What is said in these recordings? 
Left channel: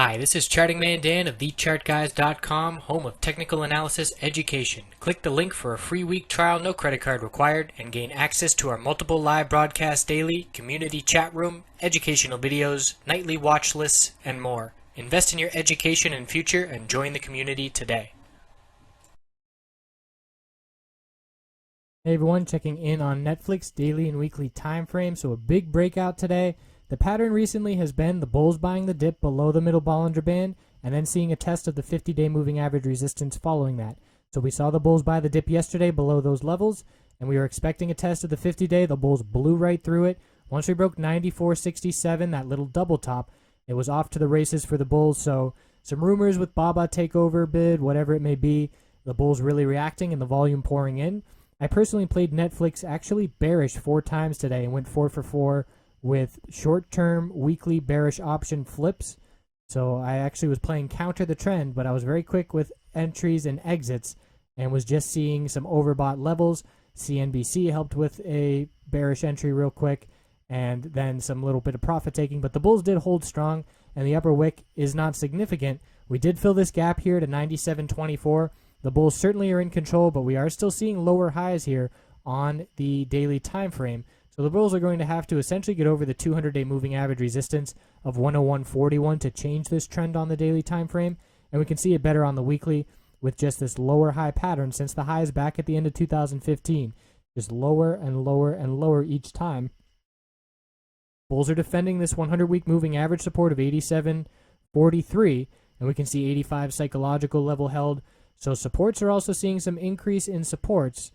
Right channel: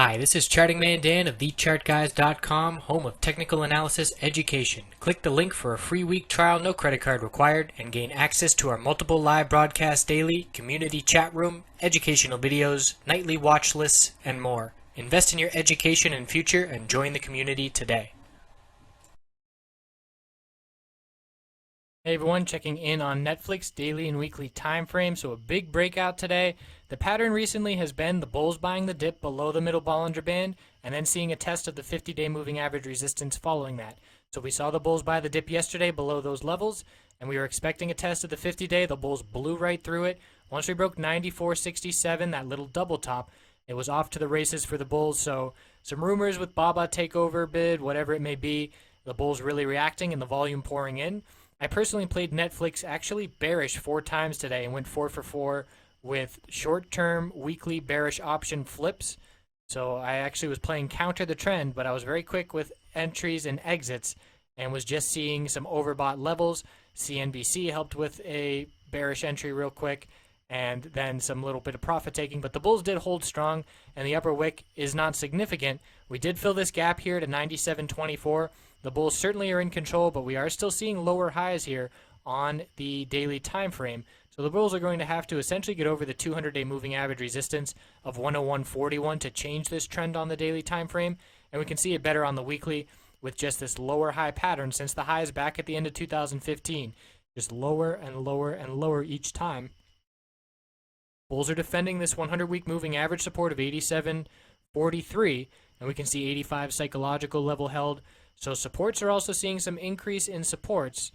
Hi, this is Charting Man Dan of TheChartGuys.com, home of technical analysis education. Click the link for a free week trial, no credit card required, and gain access to our multiple live broadcasts daily, community chat room, educational videos, nightly watch lists, and more. Invest in your education and future and join the community today. Hey everyone, checking in on Netflix daily and weekly time frame. So a big breakout today. The pattern recently has been the bulls buying the dip below the middle Bollinger Band and then seeing a test of the 50-day moving average resistance following that. So we saw the bulls buy the dip yesterday below those levels, and we were expecting a test of the 50-day. The bulls blew right through it. Once we broke 94.67, that little double top, it was off to the races for the bulls. So some rumors with Baba takeover bid, whatever it may be, the bulls really reacting and the volume pouring in. I personally played Netflix actually bearish 4 times today and went 4 for 4 with short-term weekly bearish option flips. So I actually was playing counter the trend, but I was very quick with entries and exits and was just seeing some overbought levels. CNBC helped with a bearish entry real quick and then some little bit of profit taking. But the bulls did hold strong and the upper wick is not significant. We did fill this gap here to 97.24. The bulls certainly are in control, but we are still seeing lower highs here on the daily time frame. So the bulls are going to have to essentially get over the 200-day moving average resistance of 101.41 to change this trend on the daily time frame, and we can see it better on the weekly with just this lower high pattern since the highs back at the end of 2015, just lower and lower and lower each time. Bulls are defending this 100-week moving average support of 87.43, and we can see 85 psychological level held. So supports are also seeing some increase in supports.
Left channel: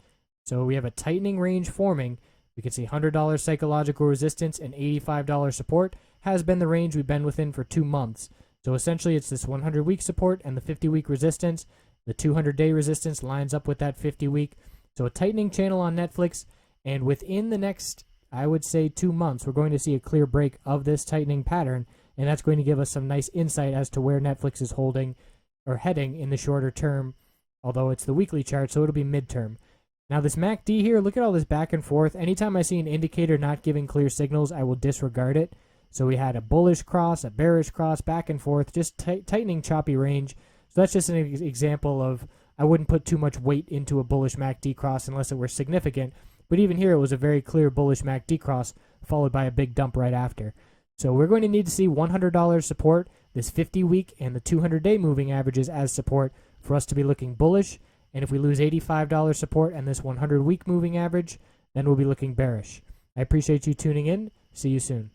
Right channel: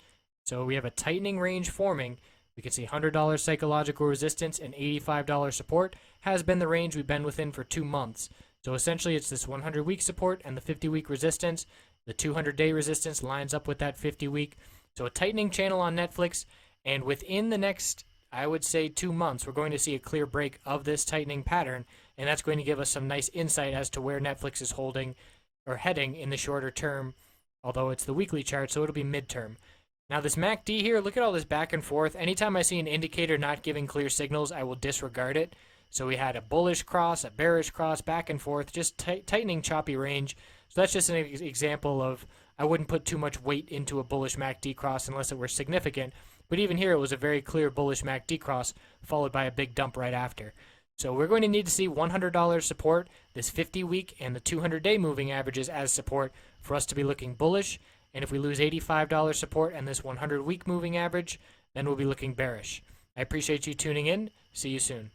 So we have a tightening range forming. We can see $100 psychological resistance and $85 support has been the range we've been within for 2 months. So essentially it's this 100-week support and the 50-week resistance. The 200-day resistance lines up with that 50-week. So a tightening channel on Netflix. And within the next, I would say 2 months, we're going to see a clear break of this tightening pattern. And that's going to give us some nice insight as to where Netflix is holding or heading in the shorter term, although it's the weekly chart, so it'll be midterm. Now this MACD here, look at all this back and forth. Anytime I see an indicator not giving clear signals, I will disregard it. So we had a bullish cross, a bearish cross, back and forth, just tightening choppy range. So that's just an example of I wouldn't put too much weight into a bullish MACD cross unless it were significant. But even here, it was a very clear bullish MACD cross followed by a big dump right after. So we're going to need to see $100 support, this 50-week and the 200-day moving averages as support for us to be looking bullish. And if we lose $85 support and this 100-week moving average, then we'll be looking bearish. I appreciate you tuning in. See you soon.